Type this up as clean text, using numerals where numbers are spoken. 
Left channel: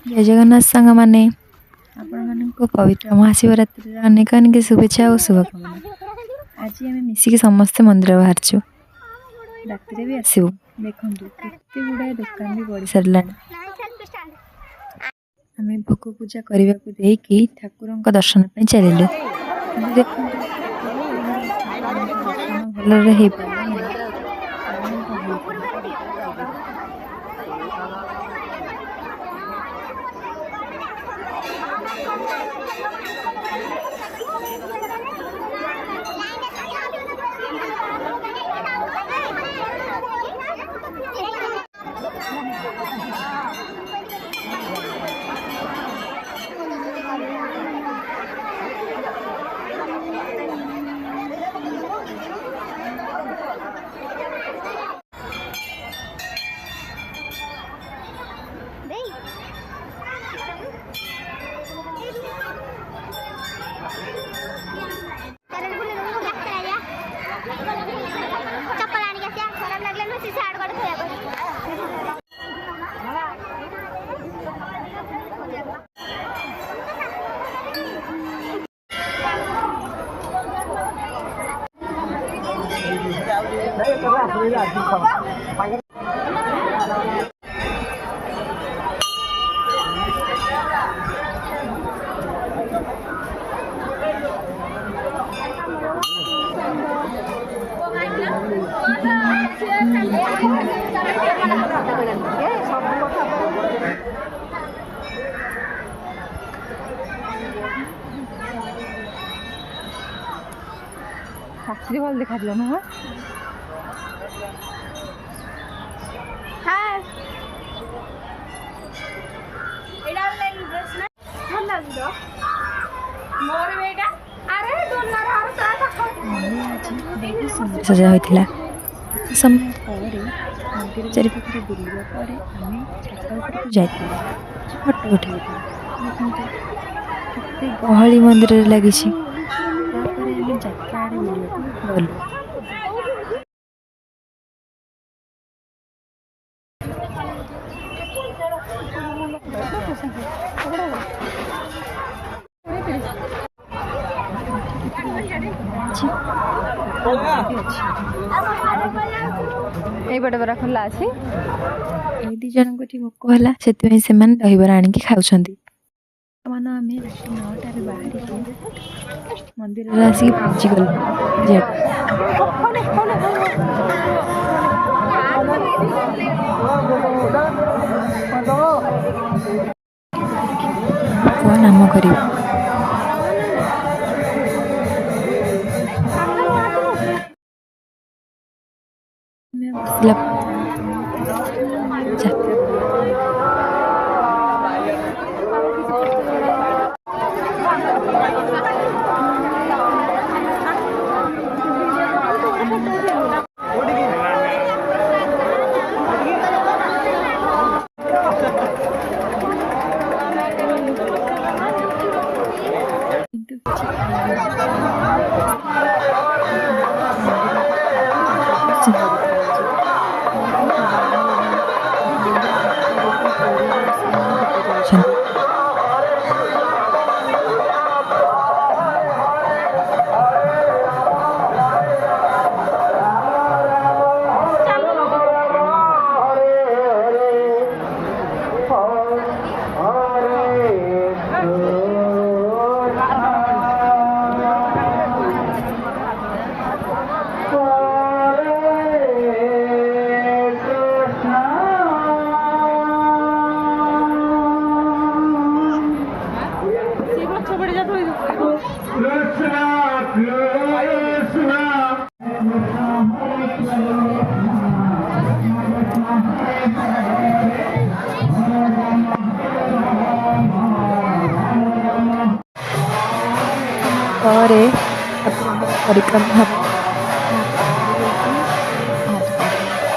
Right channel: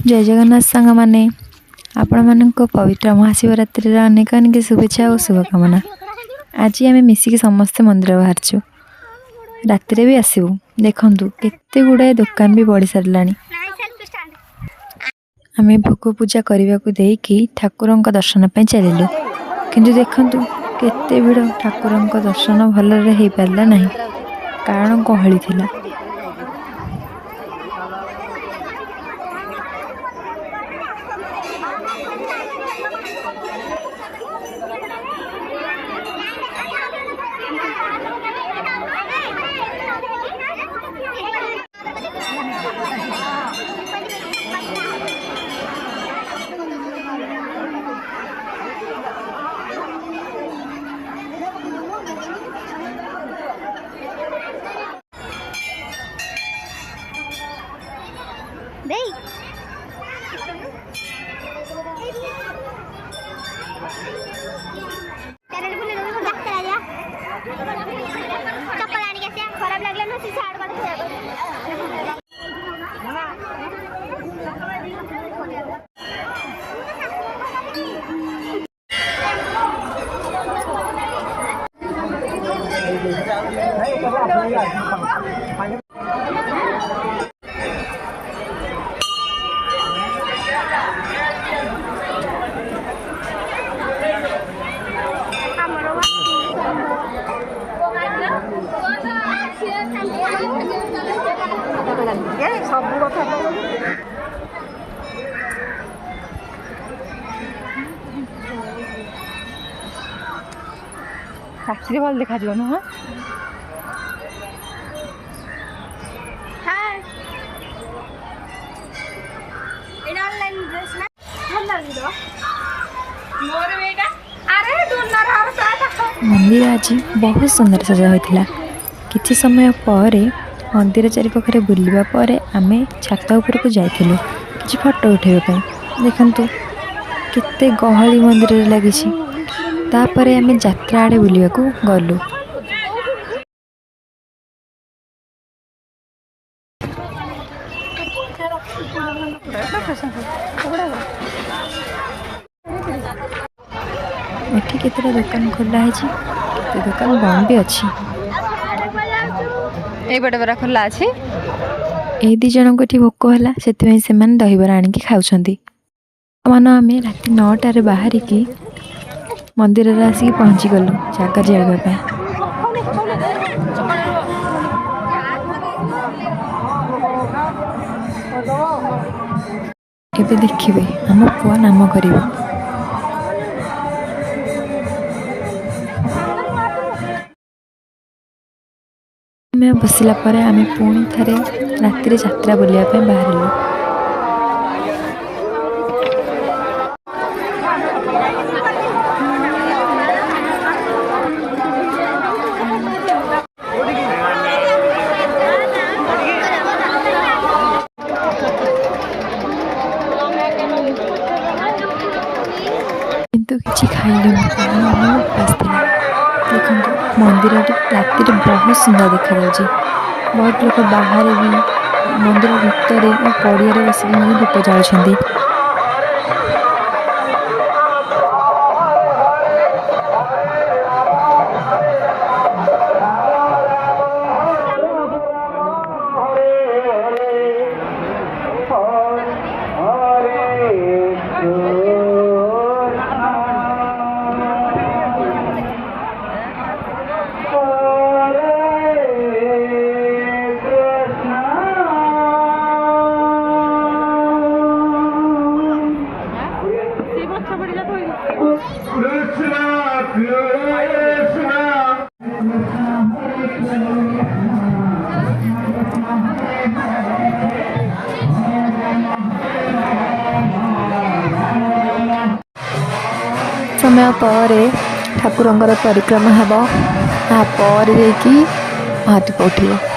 जय जगन्नाथ सांग मैंने आपण मानक पवित्र महाशिवरात्रि अनेक अनेक शुभेच्छा और शुभकामना। आज आम मिसिक समस्ते मंदिर बाहरचु राति भी आसबू देखु केते गुड़ाए दुकान भी बढ़ी सारा आम भोग पूजा करने को देकी ठाकुर दर्शन चलू किंतु देखु केते भिड़ ठाकुर दर्शन भलरे हो पारा ना कारण गहली थिला। रात्रि भल देखा नुह मंदिर आज बहुत सुंदर सजा होता। किछि समय पर मंदिर चारिपाखे बुलवा पर आम छात उपरକୁ जाइथिलु किछि फोटो उठाइबा पई। देखंतु केते गहली मंदिर रे लागिछि। तापरे आम यात्रा आड़े बुलवा को गलु। एठी केतेटा दुकान खोला है, दुकान बंद भी अच्छी। बड़े बड़ा खोला अच्छी। ए दी जन को भोक है से दहीबरा आनिकी खाऊंट मान आम रात 9टार बाहरिकी मंदिर आसिक पहुँची गलु जगह जावाई। एबे देखिए आम पुआ नाम कर बसला आम पुणी थे राति यात्रा बुलाया बाहर। किंतु किसी खाइल मंदिर राति बहुत सुंदर देखा। बहुत लोग बाहर भी मंदिर भितर पड़िया बस दीप जालुं। समय पर ठाकुर परिक्रमा हम तापर महादीप उठे।